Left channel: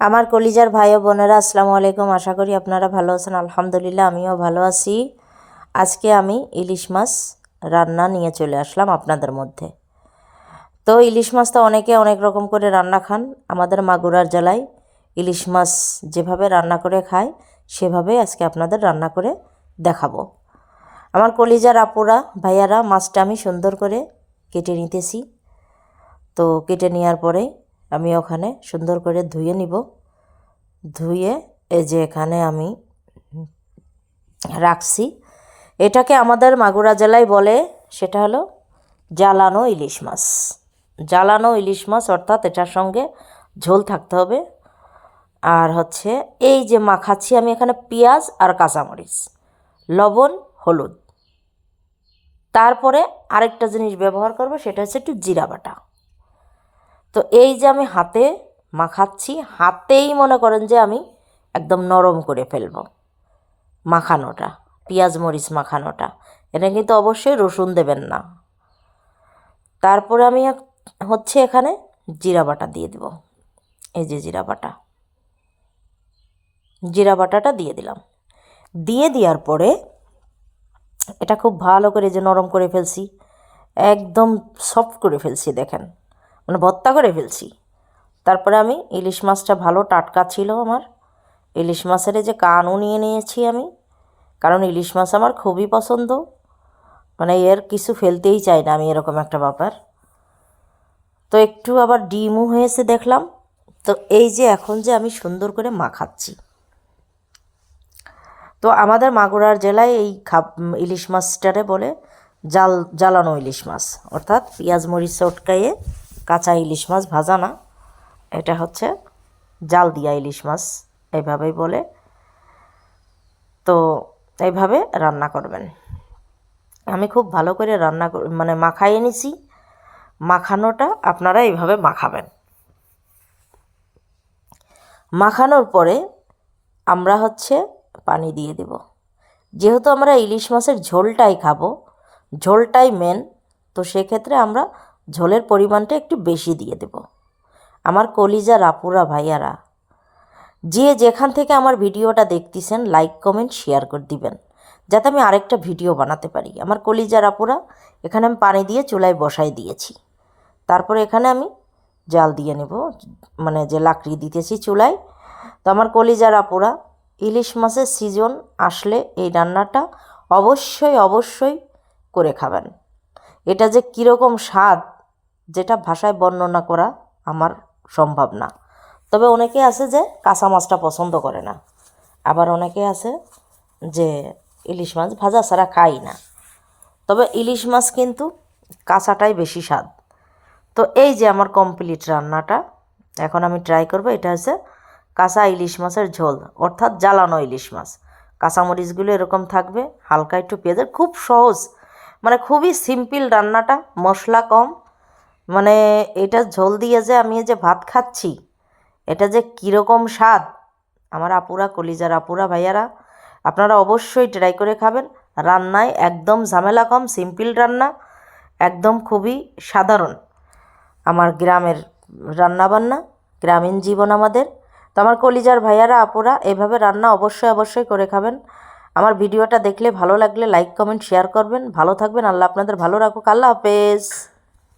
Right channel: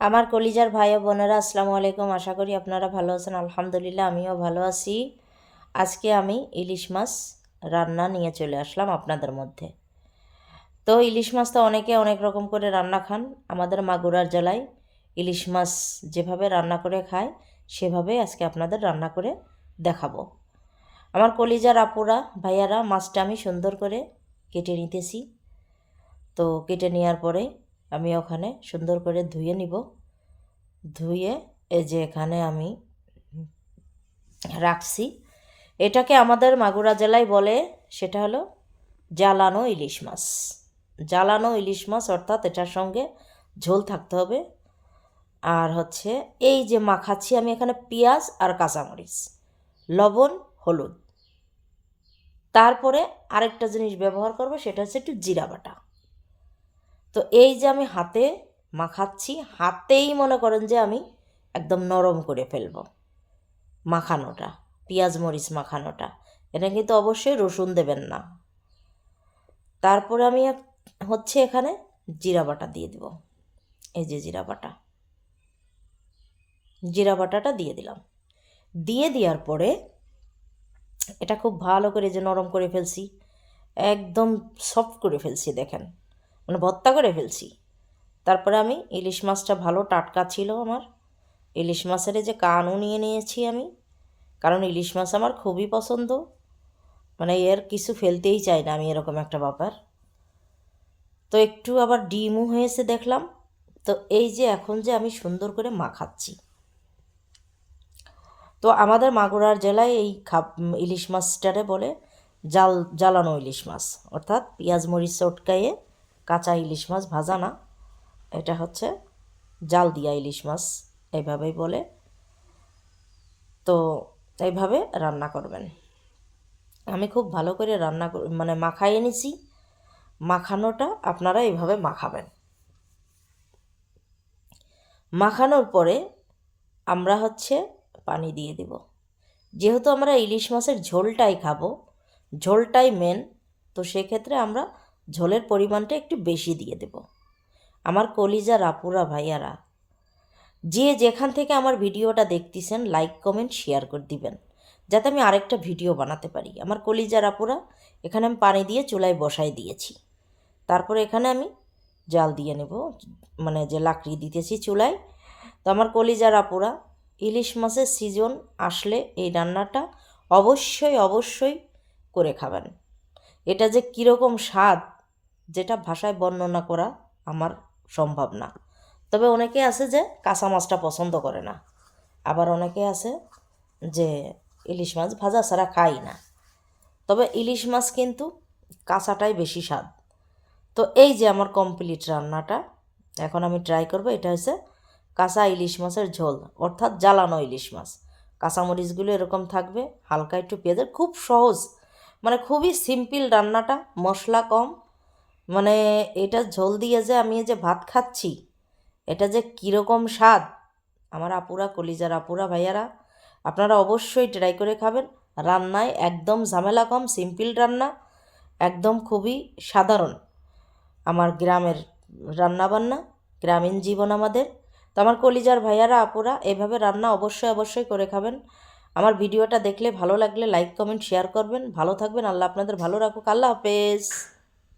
আমার কলিজার ভাই ও বোনেরা আসসালামু আলাইকুম। আশা করি আপনারা ভালো আছেন। আলহামদুলিল্লাহ আমিও ভালো আছি। আজকে আমি ইলিশ মাছ রান্না নিয়ে চলে আসলাম আপনাদের মধ্যে। তো ইলিশ মাছ তো অনেকে অনেক রকম করে রান্না খান। আমাদের মাগুরার জেলায় ইলিশ মাছ যেভাবে রান্না করে খায় সেভাবে আজকে আপনাদের রান্না করে দেখাবো। আমার কলিজার আপুরা ভাইয়ারা মাছটা আমি সুন্দর করে কেটে নিতেছি। তো কেটে নেওয়ার পরে আমি ওখানে সুন্দর করে ধুয়ে নিব। ধুয়ে এই যে এখানে আমি রাখছি। এটাকে আমাদের মাগুরা জেলায় বলে, সেটা হলো জ্বালানো ইলিশ মাছ। জ্বালানো ইলিশ মাছ অর্থাৎ এটার সঙ্গে ঝোল থাকতে হবে। আর হচ্ছে এই যে মাখাচ্ছি আমি এখানে পেঁয়াজ আর কাঁচামরিচ, লবণ, হলুদ। তারপরে আরেকটা জিনিস ব্যবহার করব, সেটা হচ্ছে একটু জিরা বাটা। তো এই যে আমি হাতে মাখাচ্ছি, হাতেই মনে করেন যে আমি একদম নরম করে ফেলব মাখানোটা, পেঁয়াজ মরিচ মাখানোটা। এটা কিন্তু অবশ্যই রসুন দেবেন না। তারপরে আমি হচ্ছে এখানে জিরা বাটা দিয়ে দেব। এই যে জিরা বাটাটা দিয়ে দিলাম। দিয়ে দেওয়ার পরে এটা খুব ভালো করে যে নরম করে ফেলছি, একদম সফট করে ফেলছি, দেখেন মানে ভর্তা করে ফেলছি। তারপরে আমি ইলিশ মাছটা ভালো টাটকা ছিল আমার। ইলিশ মাছের যে কানও নিয়ে নিয়েছি আমি, কারণ ইলিশ মাছ আমার খুবই পছন্দ, মানে এর কিছু ফেলতেই চাই না আমি, এরকম একটা ব্যাপার। তো একটু আবার ডিমও হয়েছে দেখলাম। তো এই যে এখন যে আমি সুন্দর করে মাখাচ্ছি। তো আমাদের মাগুরার জেলায় এই ইলিশ মাছটারে বলে জ্বালানো ইলিশ মাছ, অর্থাৎ পেঁয়াজ মরিচ চটকাইয়ে কাঁচা ইলিশ মাছ, ভাজা না, এটা হচ্ছে জাল দিয়া ইলিশ মাছ এইভাবেই বলে। তো এইভাবে রান্না করবেন। আমি খুব ভালো করে রান্না মানে মাখাইয়ে নিছি। মাখানোটা আপনারা এইভাবে মাখাবেন। মাখানোর পরে আমরা হচ্ছে পানি দিয়ে দেব। যেহেতু আমরা ইলিশ মাছের ঝোলটাই খাবো, ঝোলটাই মেন, তো সেক্ষেত্রে আমরা ঝোলের পরিমাণটা একটু বেশি দিয়ে দেব। আমার কলিজার আপুরা ভাইয়ারা, যে যেখান থেকে আমার ভিডিওটা দেখতেছেন লাইক কমেন্ট শেয়ার করে দিবেন, যাতে আমি আরেকটা ভিডিও বানাতে পারি। আমার কলিজার আপুরা, এখানে আমি পানি দিয়ে চুলায় বসাই দিয়েছি। তারপরে এখানে আমি জাল দিয়ে নেব, মানে যে লাকড়ি দিতেছি চুলায়। তো আমার কলিজার আপুরা, ইলিশ মাছের সিজন আসলে এই রান্নাটা অবশ্যই অবশ্যই করে খাবেন। এটা যে কীরকম স্বাদ, যেটা ভাষায় বর্ণনা করা আমার সম্ভব না। তবে অনেকে আছে যে কাঁচা মাছটা পছন্দ করে না, আবার অনেকে আছে যে ইলিশ মাছ ভাজা ছাড়া খাই না। তবে ইলিশ মাছ কিন্তু কাঁচাটাই বেশি স্বাদ। তো এই যে আমার কমপ্লিট রান্নাটা, এখন আমি ট্রাই করব। এটা হচ্ছে কাঁচা ইলিশ মাছের ঝোল, অর্থাৎ জ্বালানো ইলিশ মাছ। কাঁচামরিচগুলো এরকম থাকবে, হালকা একটু পেঁয়াজের, খুব সহজ, মানে খুবই সিম্পল রান্নাটা, মশলা কম। মানে এটা ঝোল দিয়ে যে আমি যে ভাত খাচ্ছি, এটা যে কীরকম স্বাদ, আমার আপুরা, কলিজার আপুরা ভাইয়ারা, আপনারা অবশ্যই ট্রাই করে খাবেন। রান্নায় একদম ঝামেলা কম, সিম্পল রান্না, একদম খুবই সাধারণ আমার গ্রামের রান্নাবান্না, গ্রামীণ জীবন আমাদের। তো আমার কলিজার ভাইয়ারা আপুরা, এভাবে রান্না অবশ্যই অবশ্যই করে খাবেন। আমার ভিডিওটা দেখলে ভালো লাগলে লাইক কমেন্ট শেয়ার করবেন। ভালো থাকবেন, আল্লাহ আপনাদের ভালো রাখুক। আল্লাহ হাফেজ।